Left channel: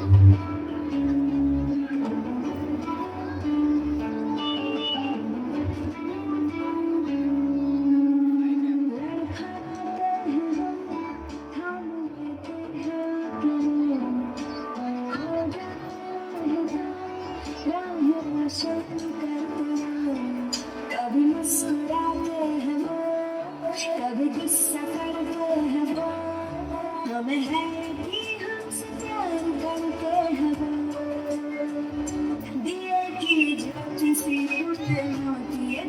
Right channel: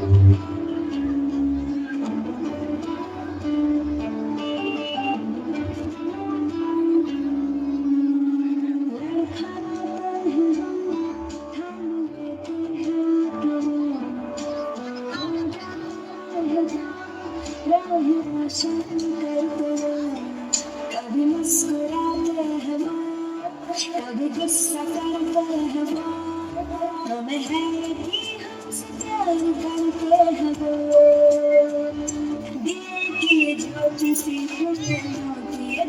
कभी मुस्कुराते हैं वो, कभी गुस्सा करते हैं वो, हमें है कि हमसे प्यार करते हैं वो। दिए की ज्योति सी होती है दुनिया,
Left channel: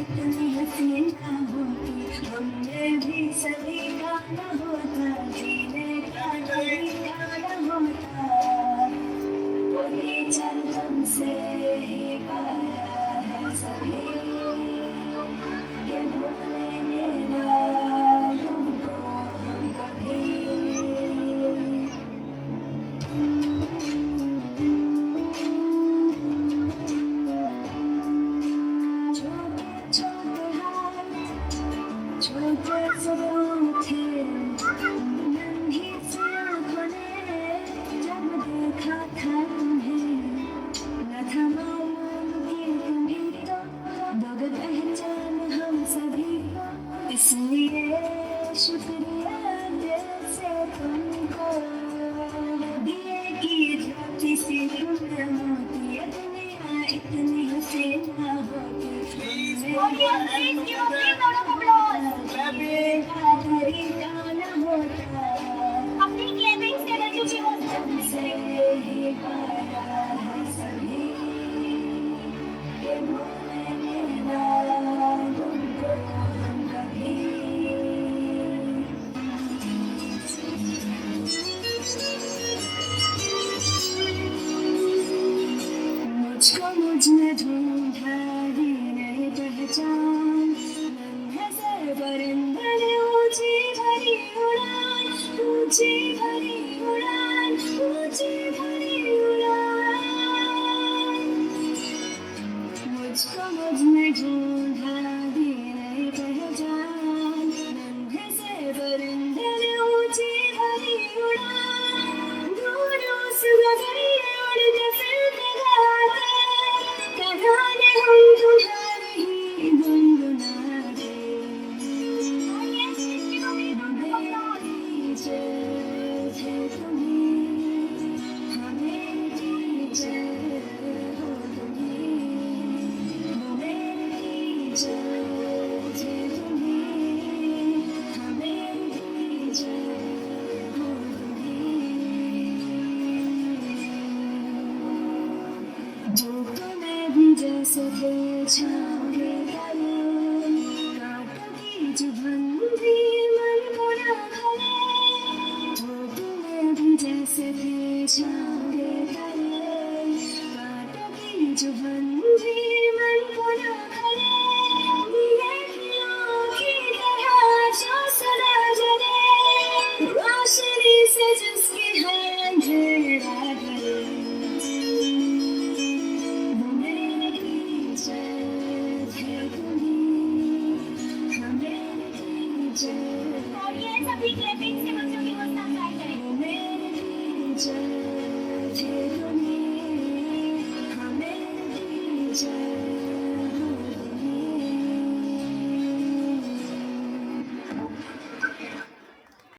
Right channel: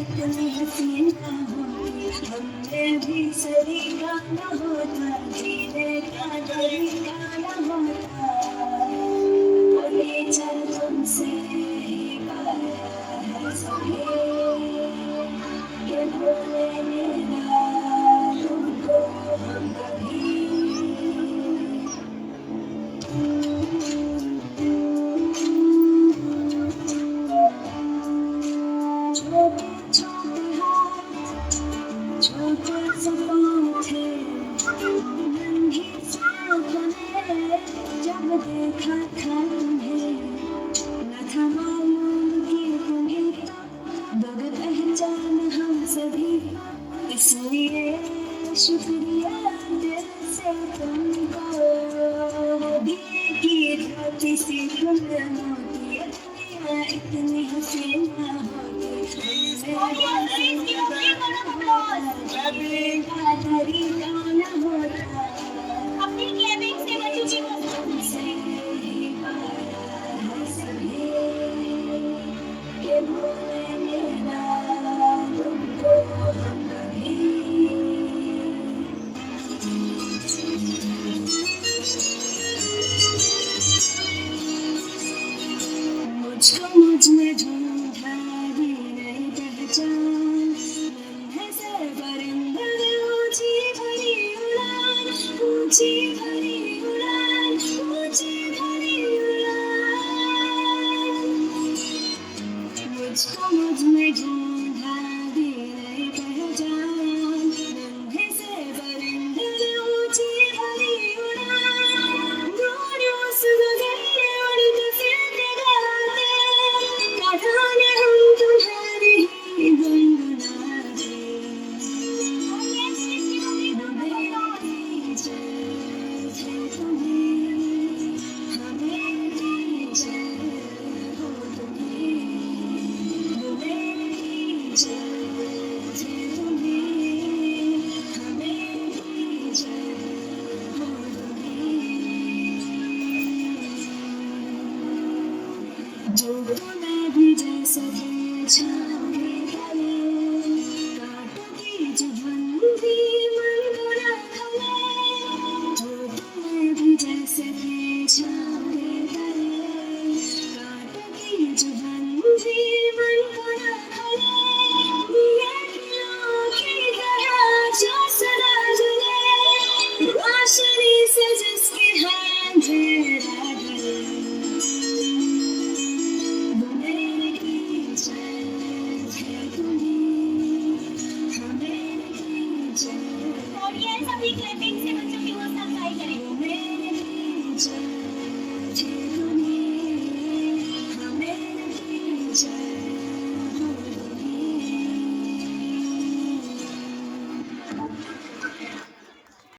इतनी हसीन ना होती हमने भी सही गाना होता, जीने का तरीका ना होता। कोई चल तुमसे ही पाया है सभी, ये बोलेंगे ना तुमको हम कभी। छोटे छोटे हाथ, छोटे से पाँव थे, नन्ही सी आँखों ने जब देखा था तुम्हें, न था मालूम कि तुम्हें तो दोगे पहचान हम सभी को। इसलिए शुक्रिया दिल से तुमको, दिए की ज्योति सी तुम होती है दुनिया, इतनी हसीन ना होती तरीका न होता। तुमसे ही पाया है सभी, ये बोलेंगे ना तुमको हम कभी। मुझको मुझने ढूंढा भी नहीं पहचान, नन्हे से परिंदे ने ऊंची भरी उड़ान, ऊंची भरी उड़ान, ऊंची भरी उड़ान। मुझको मुझने ढूंढा भी नहीं पहचान, नन्हे से परिंदे ने ऊंची भरी उड़ान। दूर उस गगन उड़ के फिर गाते, कहानी हम तुम्हारी ही गुनगुनाते। हमें कीजिए थे तुम्हें, हमें कीजिए हो तुम्हें, हमें कीजिए थे तुम्हें, हमें कीजिए हो तुम्हें। जो तुम्हें भी जैसे थे